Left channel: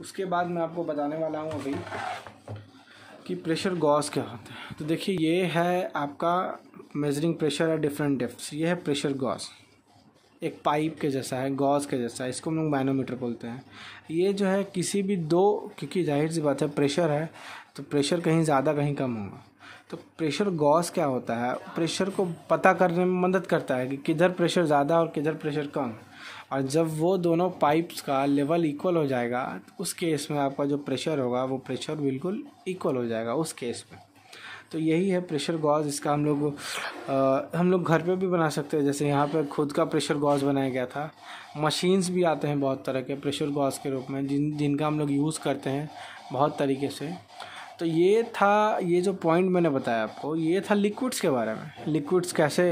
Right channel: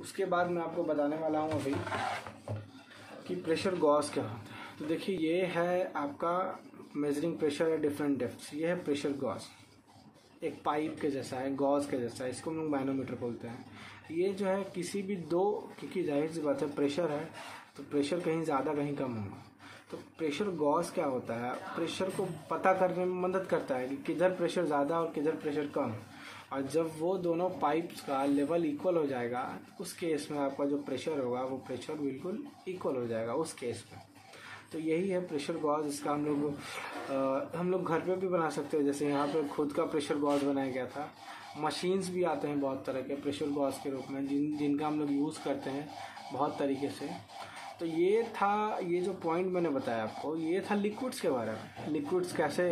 उसके बाद मैं आपको बताने वाला हूँ अभी कि प्रेशर गॉज क्या होता है। तो देखिए, ये है आपका मेजरिंग प्रेशर है डिफरेंट डेप्थ्स। ये है प्रेशर गॉज, एक पाइप के जैसा है, गॉज के जैसा है, इसको हम लोग मैनोमीटर बोलते हैं। ये जो है किसी भी दो, क्योंकि जाहिर सी बात है प्रेशर है तो प्रेशर कहीं ज़्यादा कहीं कम होगा। तो प्रेशर गॉज क्या होता है, प्रेशर को पता करने में मदद करता है कि किधर प्रेशर ज़्यादा और किधर प्रेशर कम। और जब वो दोनों पाइप्स का लेवल इक्वल हो जाएगा तो उस केस में आपका जो प्रेशर होगा वो प्रेशर बिल्कुल इक्वल हो जाएगा उस केस में। तो यही है प्रेशर गॉज। इसका हम लोग घर पे भी बना सकते हैं। जैसे यहाँ पे खुद का प्रेशर गॉज बनाया गया था। मशीन्स भी आते हैं बहुत तरह के प्रेशर गॉज के रूप में, जिनका हम लोग यूज़ करते हैं बहुत तरीके से। तो ये था, ये जो पॉइंट मैंने बताया आपको, ये था लिक्विड्स के बारे में। लिक्विड्स कैसे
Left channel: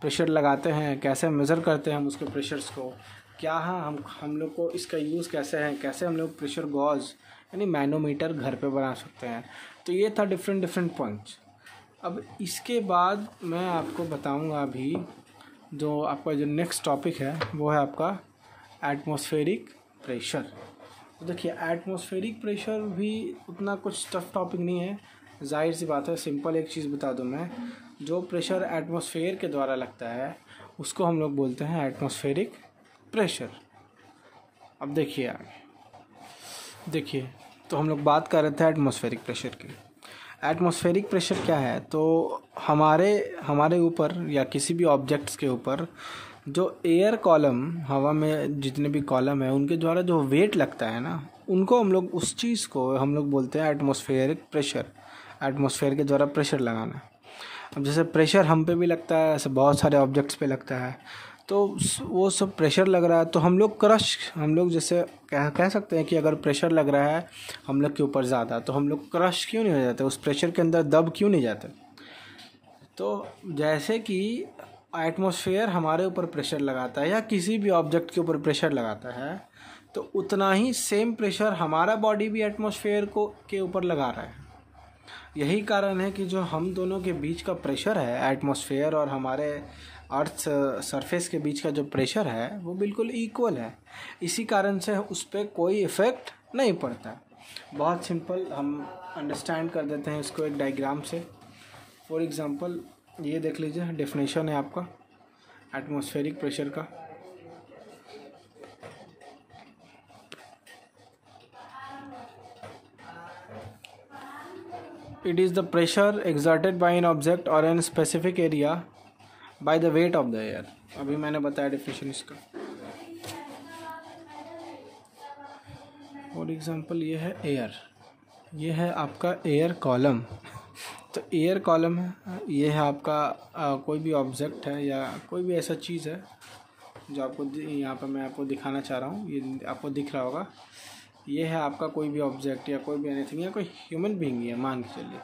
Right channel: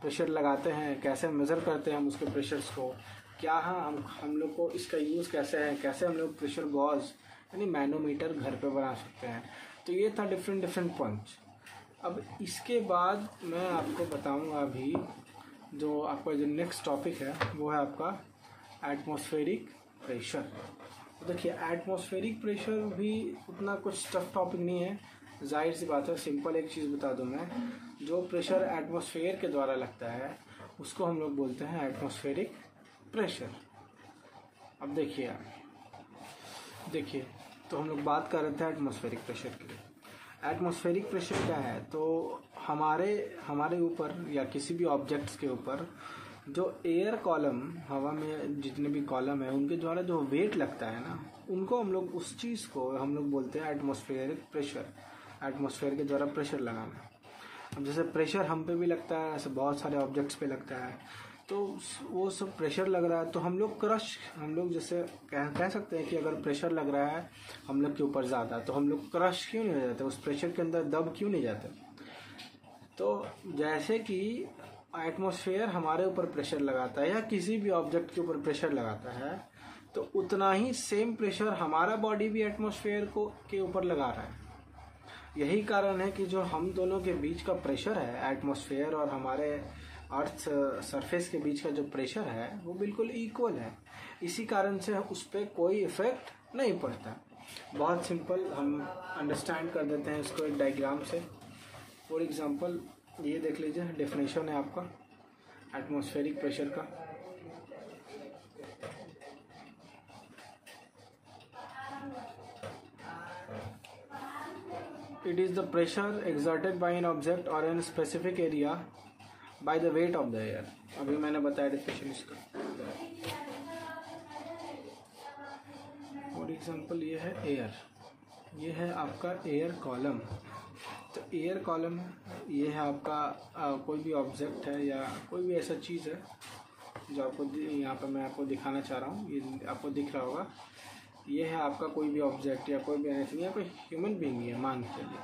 प्रेशर लगाते हैं, कैसे मेज़र करते हैं हम उसके प्रेशर्स को, क्या है हम लोग को इसका यूज़ कैसे है, कैसे हम लोग प्रेशर गॉज यानी मैनोमीटर घर पे बना सकते हैं। तो ये था डिफरेंट पॉइंट्स। अब इसके बाद मैं आपको बताऊंगा अभी जो आपका जो नेक्स्ट टॉपिक है वो है आपका एटमॉस्फेरिक प्रेशर। तो देखिए, एटमॉस्फेरिक प्रेशर भी उतना कुछ टफ टॉपिक नहीं है, जाहिर सी बात है। सिंपल एक चीज़ बता दूं मैं, जो प्रेशर एटमॉस्फेयर के द्वारा लगता है उसको हम लोग बोलते हैं एटमॉस्फेरिक प्रेशर। अब देखिए तो हम लोग बात कर रहे थे एटमॉस्फेरिक प्रेशर की। एटमॉस्फेरिक प्रेशर क्या है, तो हमारे ऊपर या किसी भी ऑब्जेक्ट्स के ऊपर जो एयर कॉलम, हवा में जितने भी कॉलम है उनके द्वारा जो वेट लगता है ना, उनको हम लोग, उस चीज़ को हम लोग बोलते हैं एटमॉस्फेरिक प्रेशर। एटमॉस्फेयर के द्वारा प्रेशर लगाना। अब जैसे प्रेशर हम पे भी लगता है, ऐसे बहुत सारे ऑब्जेक्ट्स पे लगता है, तो वो सब प्रेशर लग रहा है तो हम लोग जैसे कह सकते हैं कि अगर प्रेशर लग रहा है हम लोग के ऊपर ज़्यादा, तो हम लोग क्रश क्यों नहीं हो जाते, उस प्रेशर के अंदर दब क्यों नहीं जाते। तो जैसे कि एटमॉस्फेयर हमारे ऊपर प्रेशर लगाता है या किसी भी ऑब्जेक्ट के ऊपर प्रेशर लगाता है, तो उतना ही सेम प्रेशर हमारा बॉडी भी एटमॉस्फेयर के ऊपर लगा रहा है। यही कारण है कि जो हम दोनों के बीच का प्रेशर है, एटमॉस्फेयर और हमारे अर्थ सरफेस के बीच का जो प्रेशर है वो बिल्कुल इक्वल है। इसी कारण से उस पर कोई इफ़ेक्ट नहीं पड़ता। बहुत सिंपल हम अंडरस्टैंड कर देते हैं इसको एक डायग्राम से। फॉर एग्जांपल ये देख लीजिए, डेफिनेशन है आपका एटमॉस्फेरिक प्रेशर का। It is the pressure exerted by an object or an specific area by the weight of the air। अभी मैंने बताया डेफिनेशन इसका। फॉर एग्जांपल ये है एयर, ये है आपका एयर कॉलम। तो एयर कॉलम है, ये है आपका कोई भी ऑब्जेक्ट है या कोई भी ऐसा चीज़ है जो आपको यहाँ पर मैं आपको दिखाना चाह रहा हूँ। ये आपको दिख रहा होगा, ये है आपका कोई भी ऑब्जेक्ट या कोई भी एनीथिंग या कोई ह्यूमन बीइंग है मान के चलिए।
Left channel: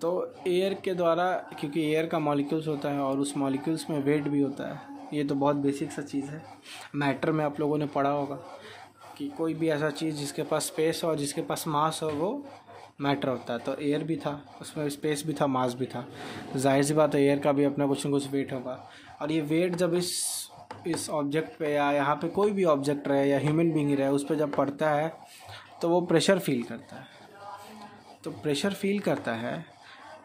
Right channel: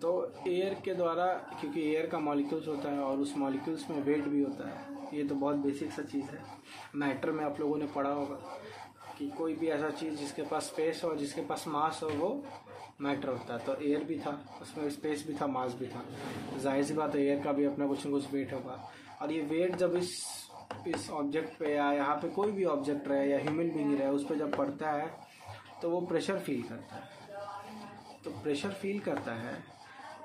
तो एयर के द्वारा, क्योंकि एयर का मॉलिक्यूल्स होता है और उस मॉलिक्यूल्स में वेट भी होता है, ये तो बहुत बेसिक सा चीज़ है। मैटर में आप लोगों ने पढ़ा होगा कि कोई भी ऐसा चीज़ जिसके पास स्पेस और जिसके पास मास हो वो मैटर होता है। तो एयर भी था, उसमें स्पेस भी था, मास भी था। जाहिर सी बात है एयर का भी अपना कुछ न कुछ वेट होगा। और ये वेट जब इस ऑब्जेक्ट पे या यहाँ पे कोई भी ऑब्जेक्ट रहे या ह्यूमन बीइंग रहे, उस पर जब पड़ता है तो वो प्रेशर फील करता है। तो प्रेशर फील करता है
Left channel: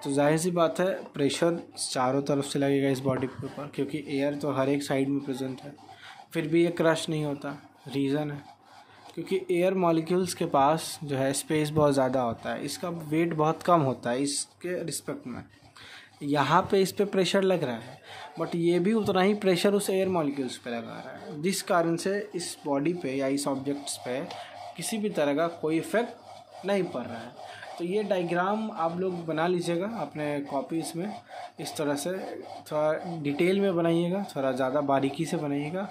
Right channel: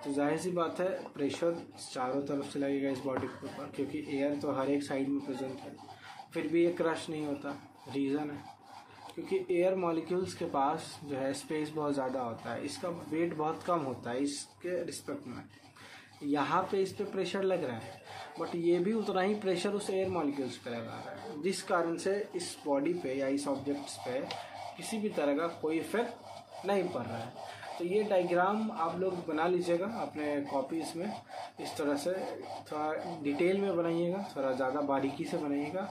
तो जाहिर सी बात है प्रेशर चारों तरफ से लगेगा इस बॉडी के ऊपर, क्योंकि एयर तो हर एक साइड में प्रेजेंट है। फिर भी ये क्रश नहीं होता, रीज़न है क्योंकि एयर मॉलिक्यूल्स के पास जो है स्पेस बहुत ज़्यादा होता है, इसका वेट बहुत कम होता है इसके रिस्पेक्ट में। यहाँ पे इस पर प्रेशर लग रहा है बट ये भी उतना ही प्रेशर उस एयर मॉलिक्यूल्स पे लगा रहा है, जिस कारण से इस बॉडी पे या इस ऑब्जेक्ट्स पे किसी भी तरह का कोई इफेक्ट नहीं पड़ रहा है। तो ये डायग्राम आप लोग बना लीजिएगा अपने कॉपीज़ में, इस तरह से थोड़ा डिटेल में बनाइएगा, थोड़ा ज़्यादा बारीकी से बनाइएगा,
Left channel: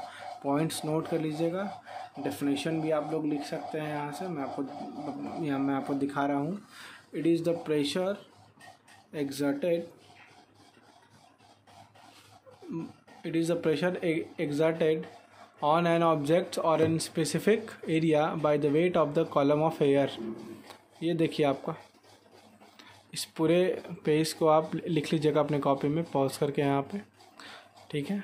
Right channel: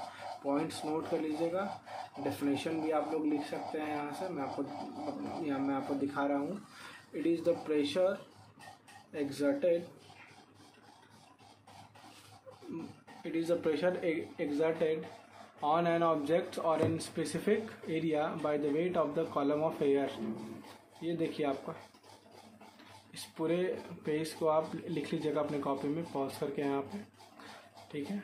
पॉइंट्स नोट कर लीजिएगा। डेफिनेशन भी आप लोग लिख सकते हैं यहाँ से, मैं आपको दिखा रहा हूँ। It is the pressure exerted on an object or in specific area by the weight of the column of air। ये देखिए आपका इस पूरे पेज को आप लिख लीजिएगा अपने कॉपी में पॉज करके यहाँ पे, ठीक है।